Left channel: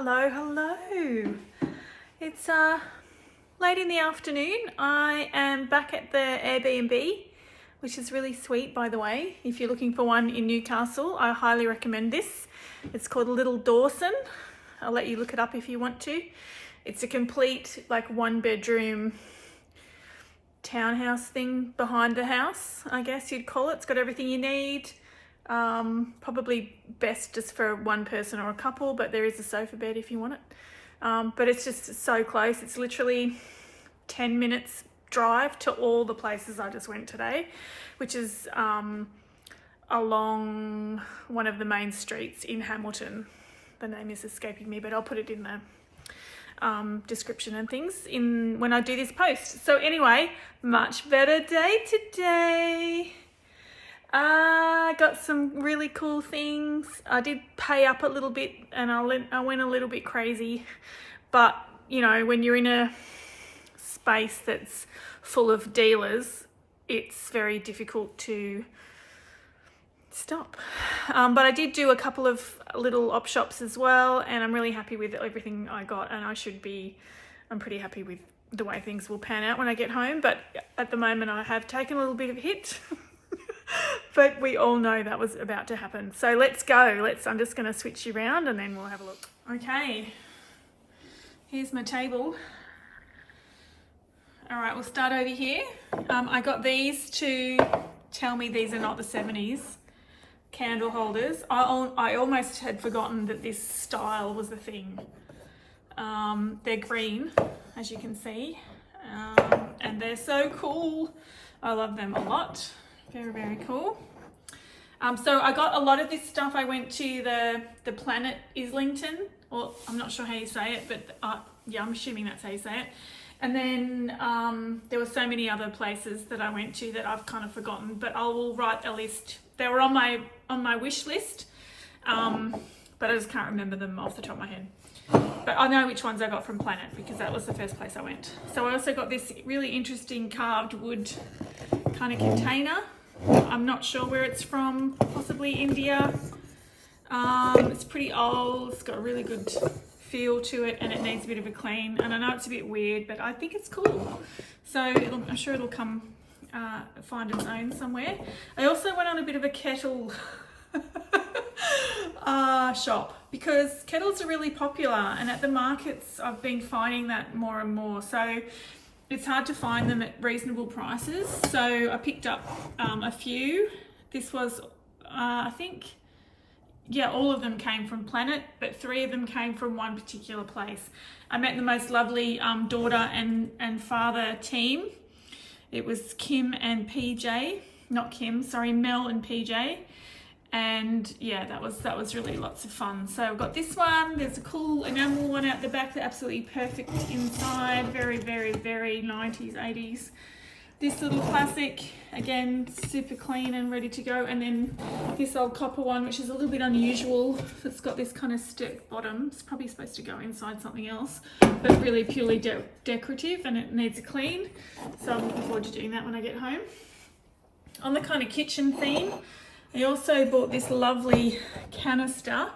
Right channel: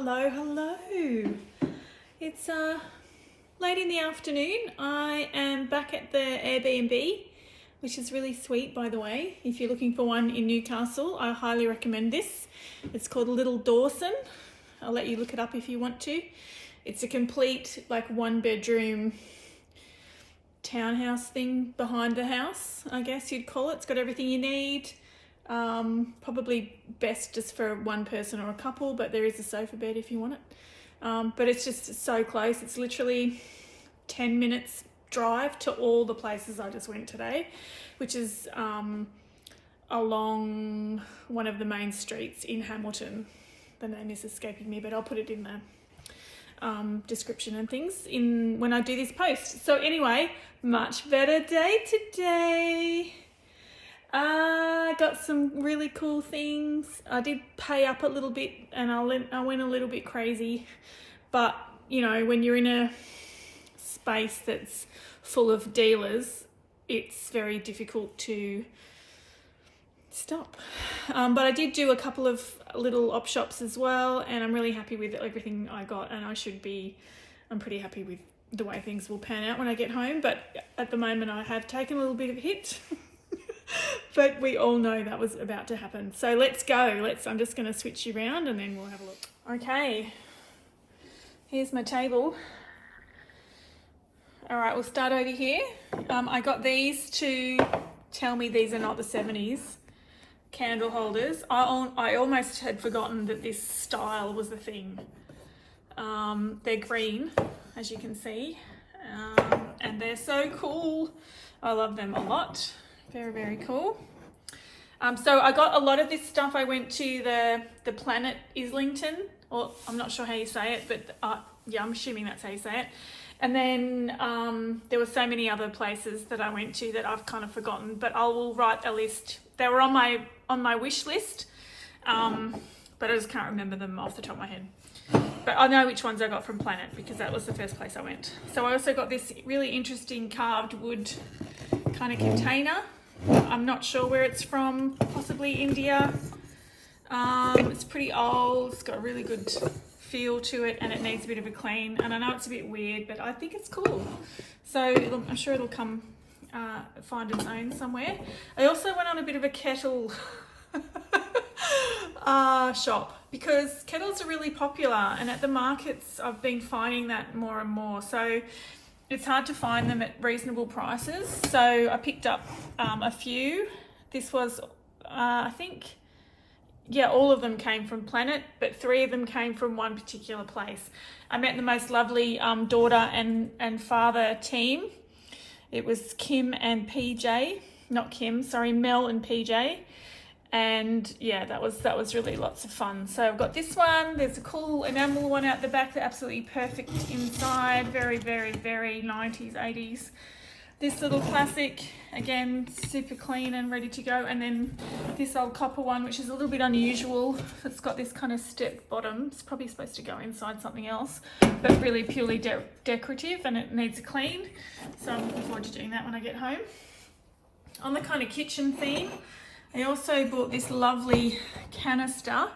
Hello. It's late in the afternoon. I am back at the Airbnb, which is really sweet, by the way. If you're looking for one in Newcastle, I highly recommend this. It's called Little Dawson. I'll let you look it up if you want to. It's a complete, like, one-bedroom townhouse thing behind the house, I guess you'd call it. It's got everything you need. Probably best just for one person or a couple, but there is a sofa bed if you want it. But it's just so close. It's literally 10 minutes drive to all the places I just went today, which is along one of the main streets in Hamilton. The name is escaping me, but I'll put it in the description and things when I do this post. So anyway, much better day today. I got some really cool things. I did pay up a little bit and I went a little bit crazy, but you know, when you're in a space that's full of dealers, it's very difficult to stop. But I did do a couple of little op shops as well, and I'm really happy with everything I got, and I'm pretty happy with the way things will pan out when I get home. But at the moment I have taken a little bit of a hit. But we all know that was about to happen. So let's go. I'm just going to switch you around and then we'll have a look. Okay, here's my table. All right, we'll start over here. I got these to tell me these are not the 70s candle holders. I almost had forgotten that this style was the thing. They're green, as you can see, and they're so cool. I love them a lot. Very, very cool. So I got a lot of this stuff. I went to the Planet Islington, or I'm not sure how you say it, but yeah, I'm assuming that's how you say it. And then there were so many other places that I went to that I've kind of forgotten, but I will write a list. They were on my wish list, but I just can't remember them off the top of my head. But I know which ones I got from Planet because that was the first place I went. So I also got this really interesting carved wood kind of container. I'm not sure where it's from, possibly India. It's pretty old, it's got a really good feel to it, and it needs a bit of a clean. And I know it's a bit weird, but I think it's cool. So I'm sure it'll come find its own somewhere. I also went on a bit of a kettle shop because kettles are really popular, and at the markets I've been finding that more and more. So it's hard to find them at reasonable prices. So I picked up a few. This was, I think, yeah, all of them came from Planet, but 3 of them came from one particular place. I met the most lovely daughter and father team. It was Kim and PJ, not Kim, sorry, Mel and PJ. And yeah, that was really lots of fun. So I've got this one. There's a cool enamel one out the back. They're absolutely perfect inside. Very, very, very 90s, 80s. This little classic, again, super clean and ready to go. And then this old copper one, which is a little bit unusual. It's got this kind of step bottom. It's probably supposed to go inside something else, but really purely decorative, and it needs a clean. So I'm looking forward to doing that when I get home. On the kind of kitchen theme, I also bought this lovely canister.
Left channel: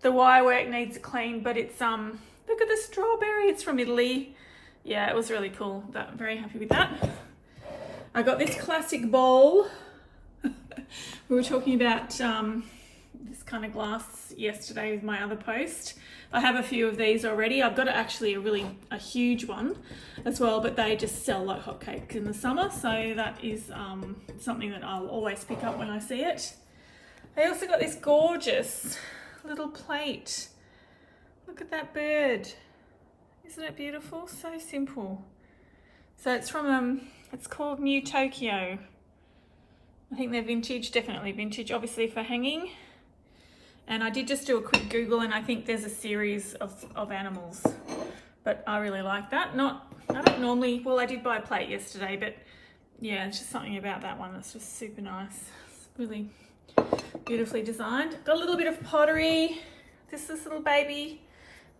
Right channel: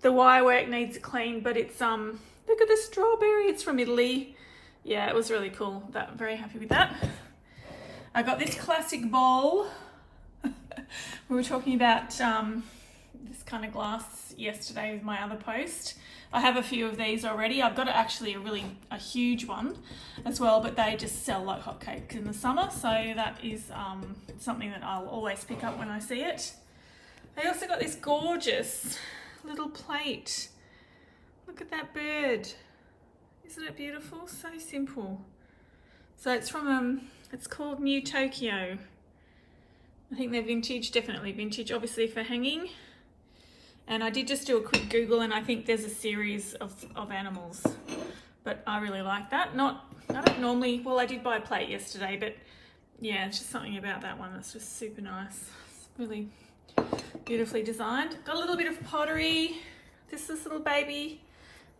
The wirework needs a clean, but it's look at the strawberry. It's from Italy. Yeah, it was really cool. I'm very happy with that. I got this classic bowl. We were talking about this kind of glass yesterday with my other post. I have a few of these already. I've got actually a huge one as well, but they just sell like hotcakes in the summer. So that is something that I'll always pick up when I see it. I also got this gorgeous little plate. Look at that bird. Isn't it beautiful? So simple. So it's from, it's called New Tokyo. I think they're vintage, definitely vintage, obviously for hanging. And I did just do a quick Google, and I think there's a series of animals, but I really like that. I don't normally, well, I did buy a plate yesterday, but yeah, it's just something about that one that's just super nice. It's really beautifully designed. Got a little bit of pottery. This little baby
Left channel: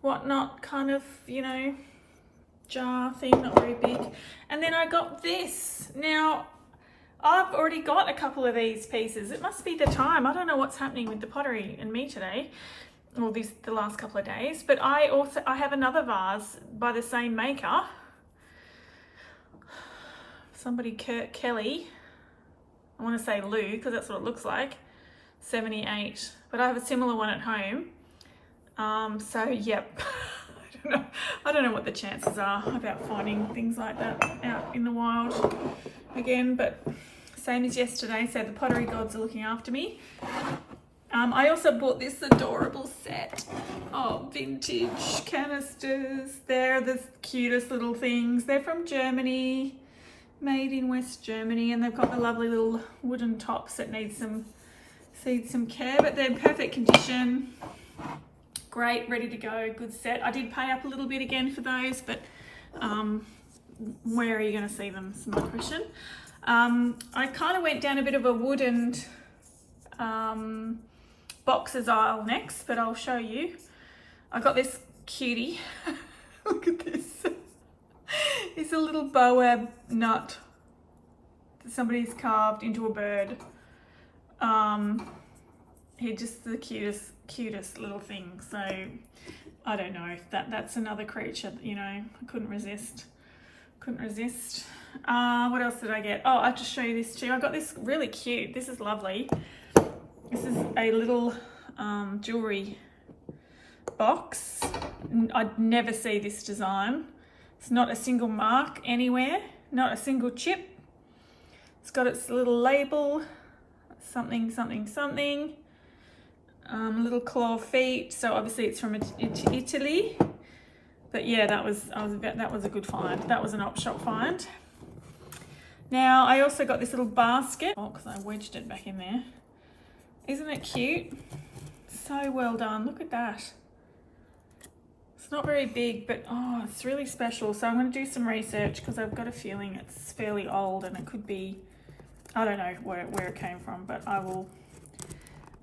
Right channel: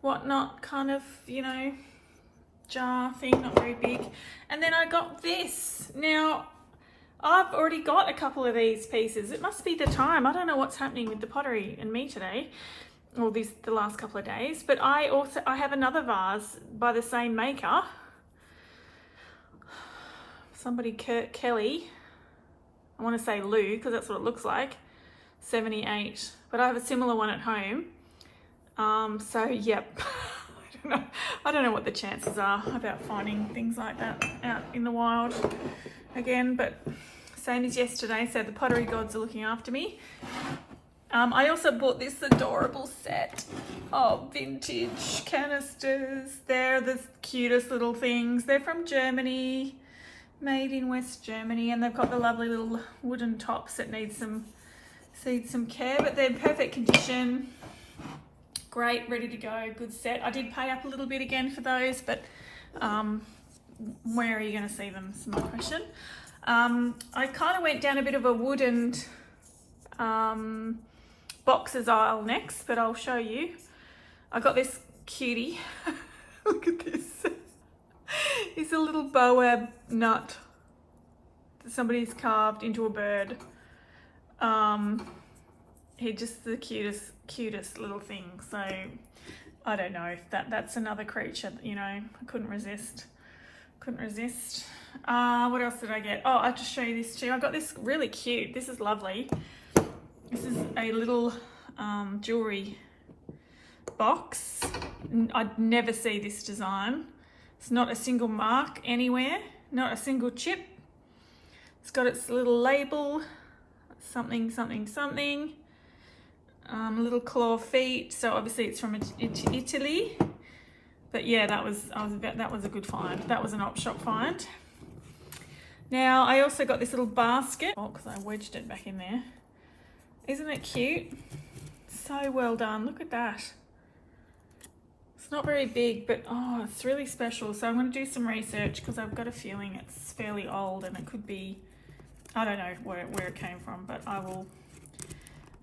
whatnot kind of, you know, jar thing, not very big. And then I got this. Now, I've already got a couple of these pieces. It must be the time. I don't know what's happening with the pottery and me today. or the last couple of days. But I have another vase by the same maker. Somebody, Kelly, I want to say Lou, because that's what it looks like, 78. But I have a similar one at home. So yep, I don't know what the chances are about finding things like that out in the wild again, but same as yesterday, so the pottery gods are looking after me. I also bought this adorable set of vintage canisters. They're the cutest little things. They're from Germany, made in West Germany, and they've got the lovely little wooden tops that need some care, but they're in perfect condition. Great, ready to go, good set. I did pay up a little bit again for those, but where are you going to see them is my question. I kind of went down a bit of a wooden boxes aisle next, but I'll show you. I got this cutie. Look at this. It's a little boab nut that somebody's carved into a bird. He's just the cutest little thing. So I don't know if that's another creature that, you know, I couldn't resist. What else did I get? Oh, I'll just show you this too. I got this really cute. This is lovely. This is a little jewelry box. I'd never see this design. It's not a single mark anywhere, not a single chip. It's got its little label, something. Little claw feet. So obviously it's from Italy. But yeah, that was a good find. That was an op shop find. Now I also got this little basket. Oh, because I wedged it back in there. Isn't it cute? So well done. Look at that. It's not very big, but oh, it's really special. So I'm going to do some research because I've got a feeling it's fairly old and it could be, I don't know where it came from, but I will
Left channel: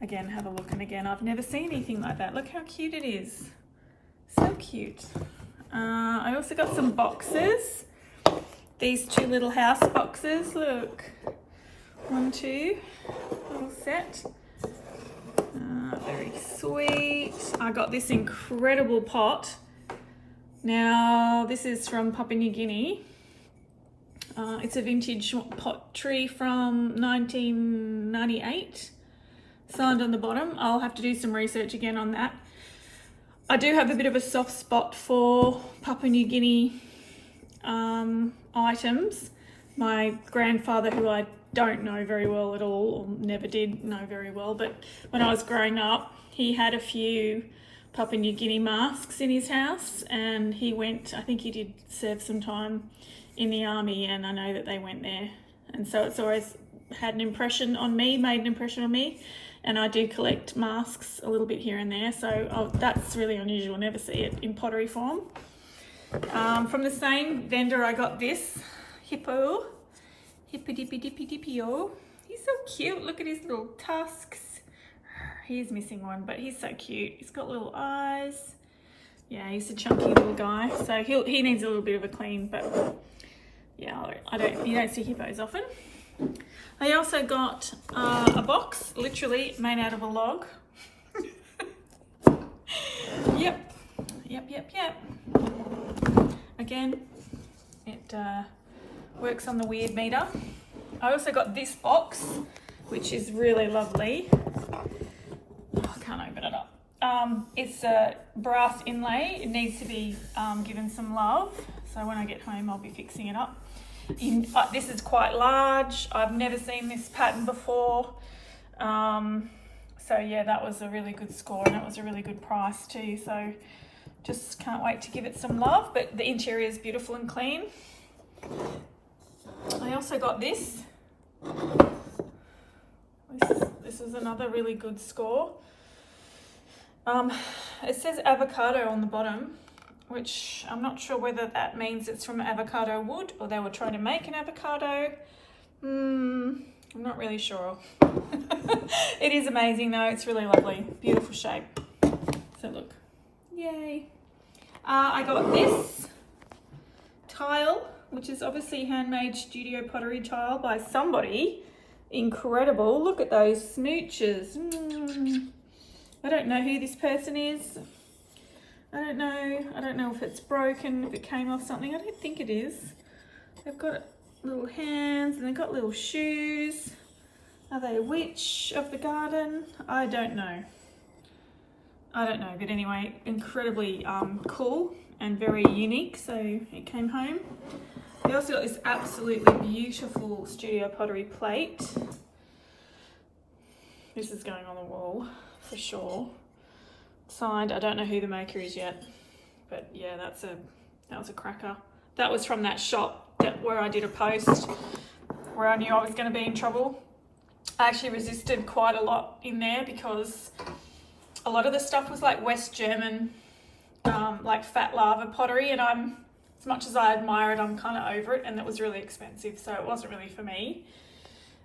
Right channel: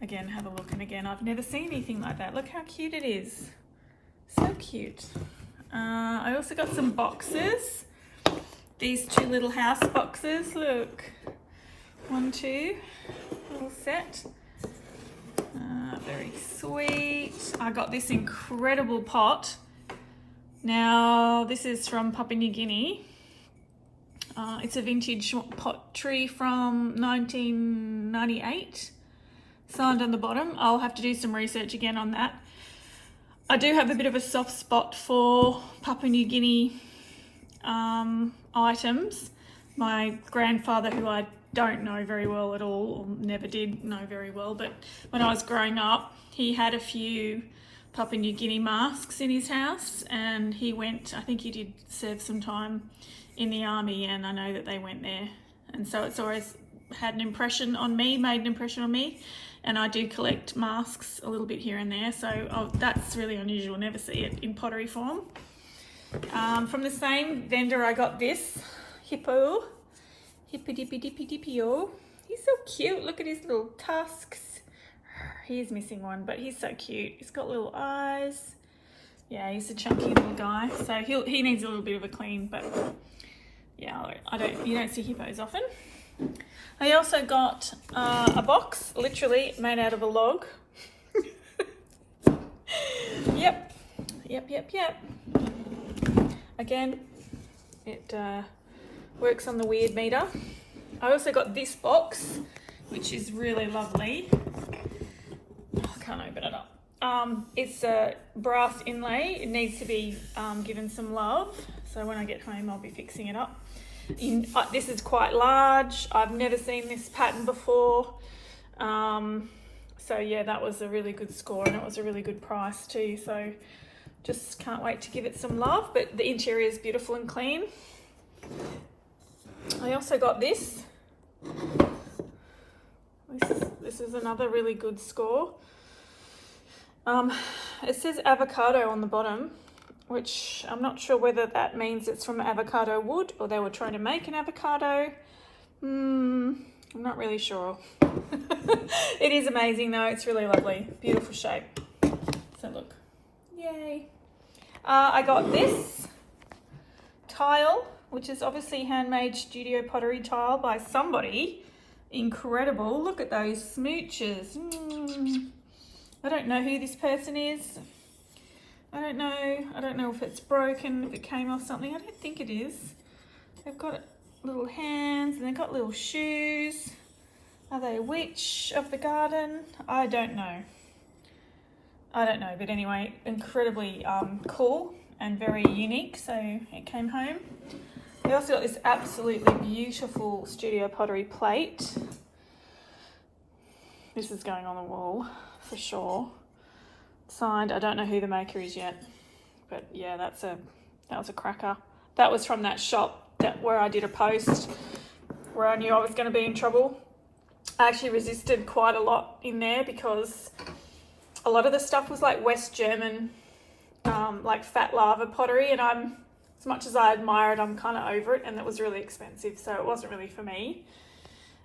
again have a look. And again, I've never seen anything like that. Look how cute it is. So cute. I also got some boxes. These two little house boxes. Look. 1, 2. Little set. Very sweet. I got this incredible pot. Now, this is from Papua New Guinea. It's a vintage pottery from 1998. Signed on the bottom. I'll have to do some research again on that. I do have a bit of a soft spot for Papua New Guinea items. My grandfather, who I don't know very well at all, or never did know very well, but when I was growing up, he had a few Papua New Guinea masks in his house, and he went, I think he did serve some time in the army, and I know that they went there. And so it's always had an impression on me, made an impression on me. And I do collect masks a little bit here and there, so that's really unusual. Never see it in pottery form. From the same vendor, I got this hippo. Hippy-dippy-dippy-dippy-o. He's so cute. Look at his little tusks. He's missing one, but he's so cute. He's got little eyes. Yeah, he's a chunky little guy, so he needs a little bit of a clean, but yeah, you don't see hippos often. I also got a box, literally made out of a log. Yep. Again, it works on the weird meter. I also got this box, which is really lovely. Oh, I can't open it up. It's a brass inlay. It needs to be given some love. So when I get home, I'll be fixing it up. This is quite large. I've never seen this pattern before. So yeah, that was a really good score, and it was a really good price too. So just can't wait to give it some love, but the interior is beautiful and clean. I also got this. This is another really good score. It says avocado on the bottom, which I'm not sure whether that means it's from avocado wood or they were trying to make an avocado. I'm not really sure. It is amazing though, it's really lovely, beautiful shape. So look, yay. I got this tile, which is obviously handmade studio pottery tile by somebody. Incredible, look at those smooches. I don't know who this person is. I don't know if it's broken, if it came off something. I don't think it is. They've got little hands and they've got little shoes. Are they a witch of the garden? I don't know. But anyway, incredibly cool and very unique. So it came home. I also got this absolutely beautiful studio pottery plate. This is going on the wall for sure. Signed. I don't know who the maker is yet, but yeah, that was a cracker. That was from that shop where I did a post where I knew I was going to be in trouble. I actually resisted quite a lot in there because a lot of the stuff was like West German, like fat lava pottery, and as much as I admire it, I'm kind of over it, and it was really expensive, so it wasn't really for me.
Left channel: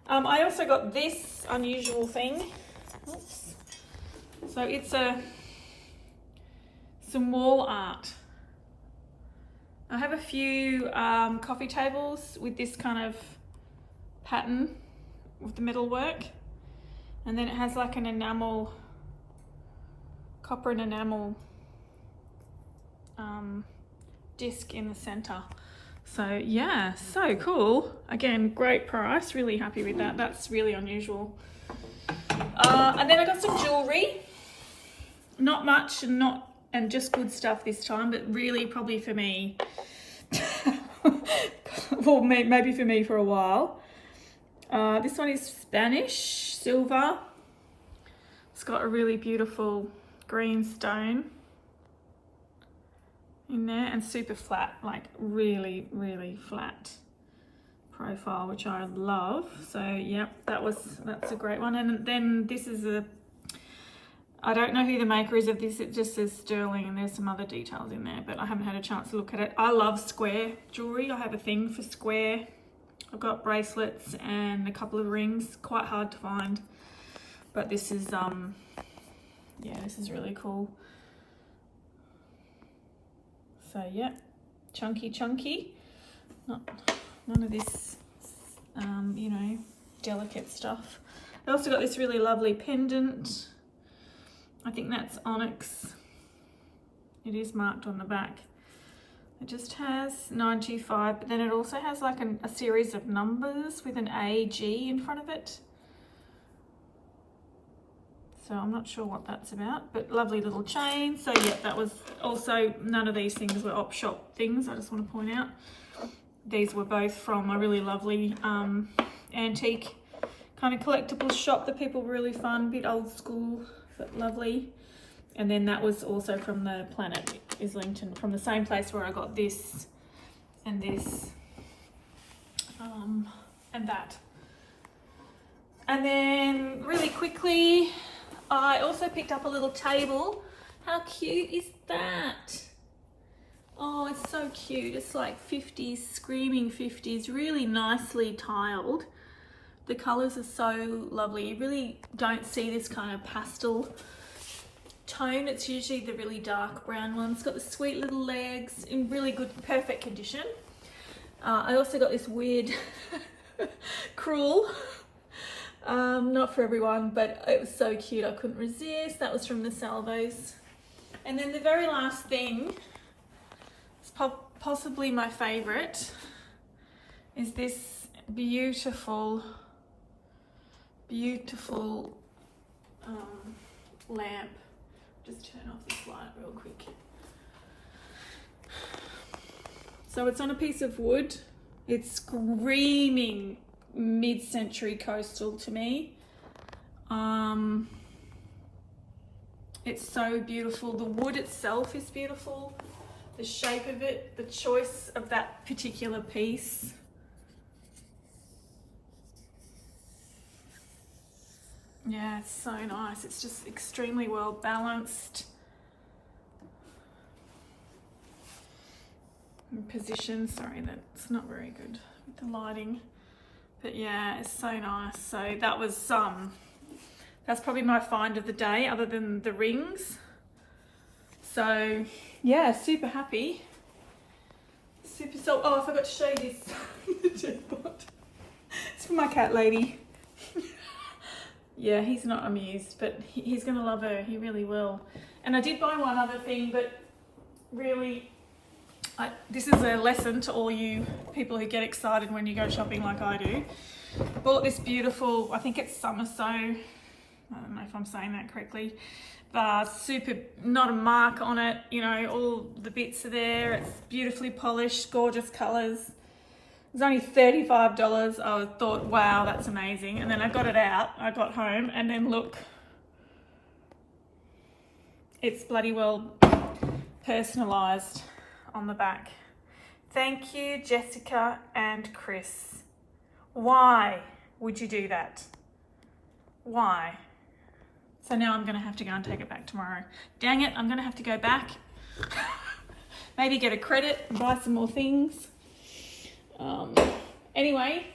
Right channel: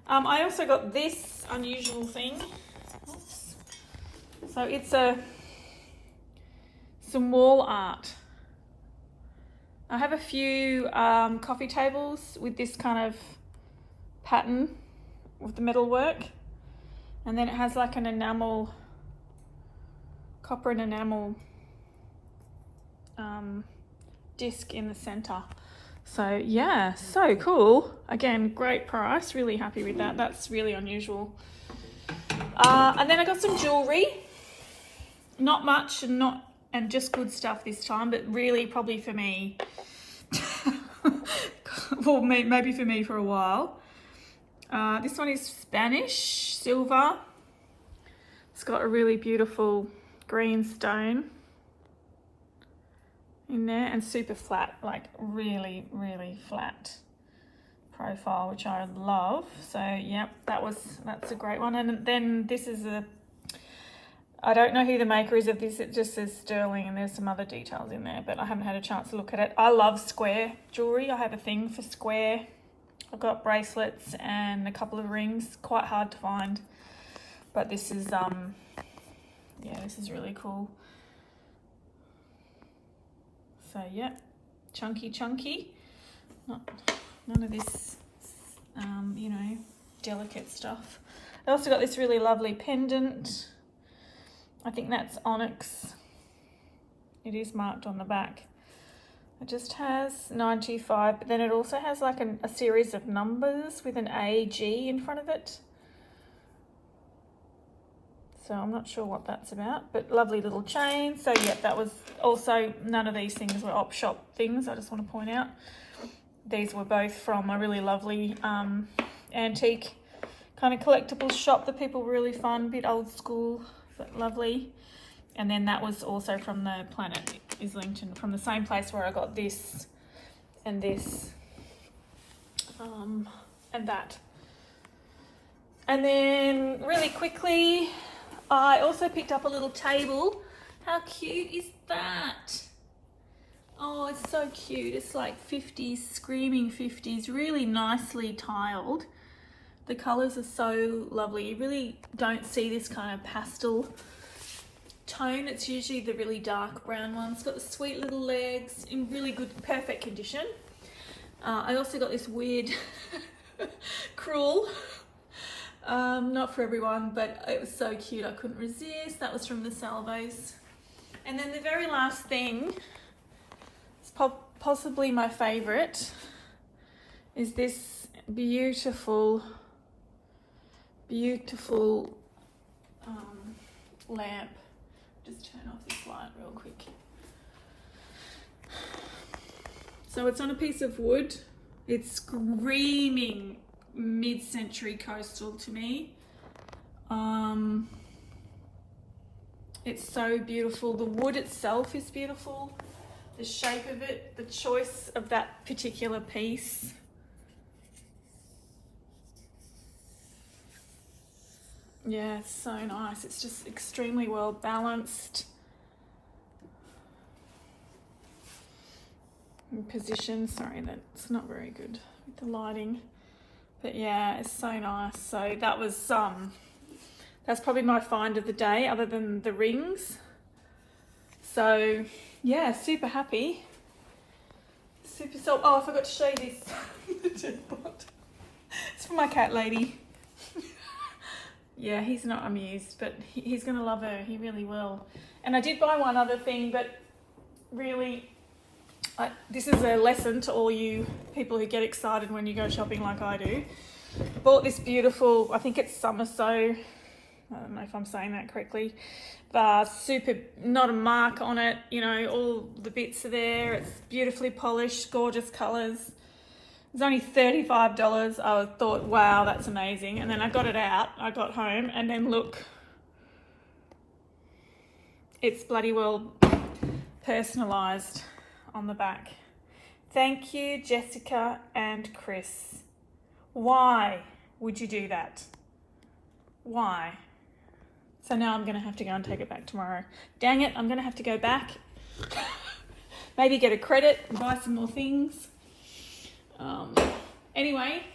I also got this unusual thing. Oops. So it's some wall art. I have a few coffee tables with this kind of pattern with the metal work, and then it has like an enamel, copper and enamel disc in the center. So yeah, so cool. Again, great price, really happy with that. That's really unusual. And then I got some jewelry. Not much and just good stuff this time, but really probably for me. Well, maybe for me for a while. This one is Spanish silver. It's got a really beautiful green stone in there and super flat, like really, really flat profile, which I love. So yep, that's a great one. And then this is I don't know who the maker is of this. It just says sterling and there's some other details in there, but I haven't had a chance to look at it. I love square jewelry. I have a thing for square. I've got bracelets and a couple of rings, quite hard to find, but this is yeah, this is really cool. So yeah, chunky. None of this you know, delicate stuff. I also got this really lovely pendant. I think that's onyx. It is marked on the back. It just has 925, but then it also has like a series of numbers with an AG in front of it. So I'm not sure what that's about, but lovely little chain. So yeah, that was also, none of these things were op shop things, I just want to point out. These were both from a really lovely antique kind of collectibles shop. The people were really fun, a bit old school, but lovely. And then that was also from the Planet Islington, from the same place where I got this and this and that. And then really quickly, I also picked up a little table. How cute is that? Oh, it's so cute. It's like 50s, screaming 50s, really nicely tiled. The colours are so lovely. You really don't see this kind of pastel tone. It's usually the really dark brown one. It's got the sweet little legs in really good, perfect condition. I also got this weird cruel. Not for everyone, but it was so cute. I couldn't resist. That was from the Salvos. And then the very last thing, it's possibly my favourite, is this beautiful lamp. Just turn off this light real quick. So it's on a piece of wood. It's screaming mid-century coastal to me. It's so beautiful. The wood itself is beautiful. The shape of it, the choice of that particular piece. Yeah, it's so nice. It's just extremely well balanced. In position, sorry, that's not very good with the lighting. But yeah, it's so nice. So that was that's probably my find of the day, other than the rings. So yeah, super happy. Oh, I forgot to show you this. It's for my cat lady. Yeah, he's not amused, but he's going to love her. He really will. And I did buy one other thing, but really, this is a lesson to all you people who get excited when you go shopping like I do. Bought this beautiful, I think it's summer sew. I don't know if I'm saying that correctly. Super, not a mark on it. You know, all the bits are there. It's beautifully polished, gorgeous colours. It was only $35. I thought, wow, that's amazing. And then I got it out. I got home and then look, it's bloody well personalised on the back. Thank you, Jessica and Chris. Why would you do that? Why? So now I'm going to have to go and take it back tomorrow. Dang it, I'm going to have to go back. Maybe get a credit and buy some more things. Anyway,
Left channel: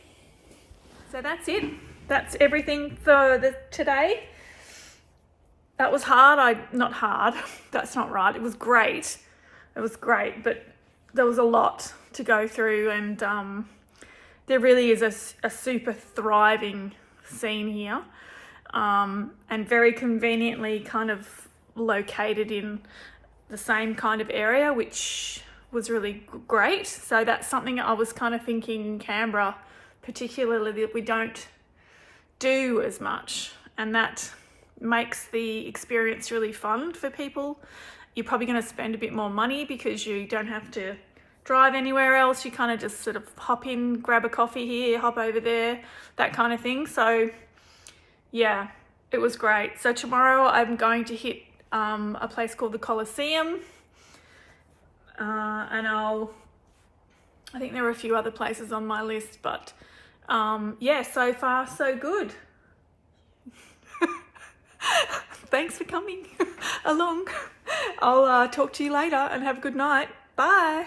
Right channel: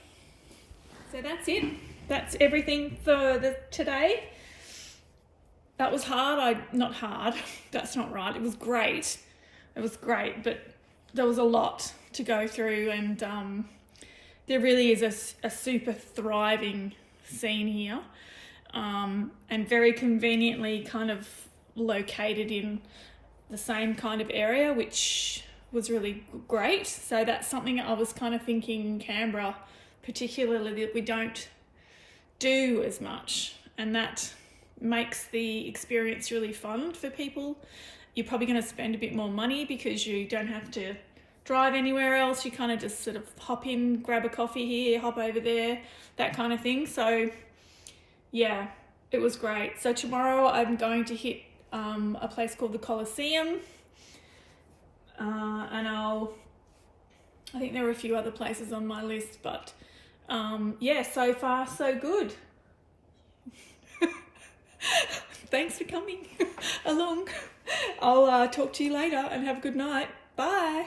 so that's it. That's everything for today. That was hard. Not hard. That's not right. It was great. It was great, but there was a lot to go through, and there really is a super thriving scene here, and very conveniently kind of located in the same kind of area, which was really great. So that's something I was kind of thinking in Canberra, particularly, that we don't do as much, and that makes the experience really fun for people. You're probably going to spend a bit more money because you don't have to drive anywhere else. You kind of just sort of hop in, grab a coffee here, hop over there, that kind of thing. So yeah, it was great. So tomorrow I'm going to hit a place called the Colosseum, and I think there are a few other places on my list, but yeah, so far so good. Thanks for coming along. I'll talk to you later and have a good night. Bye.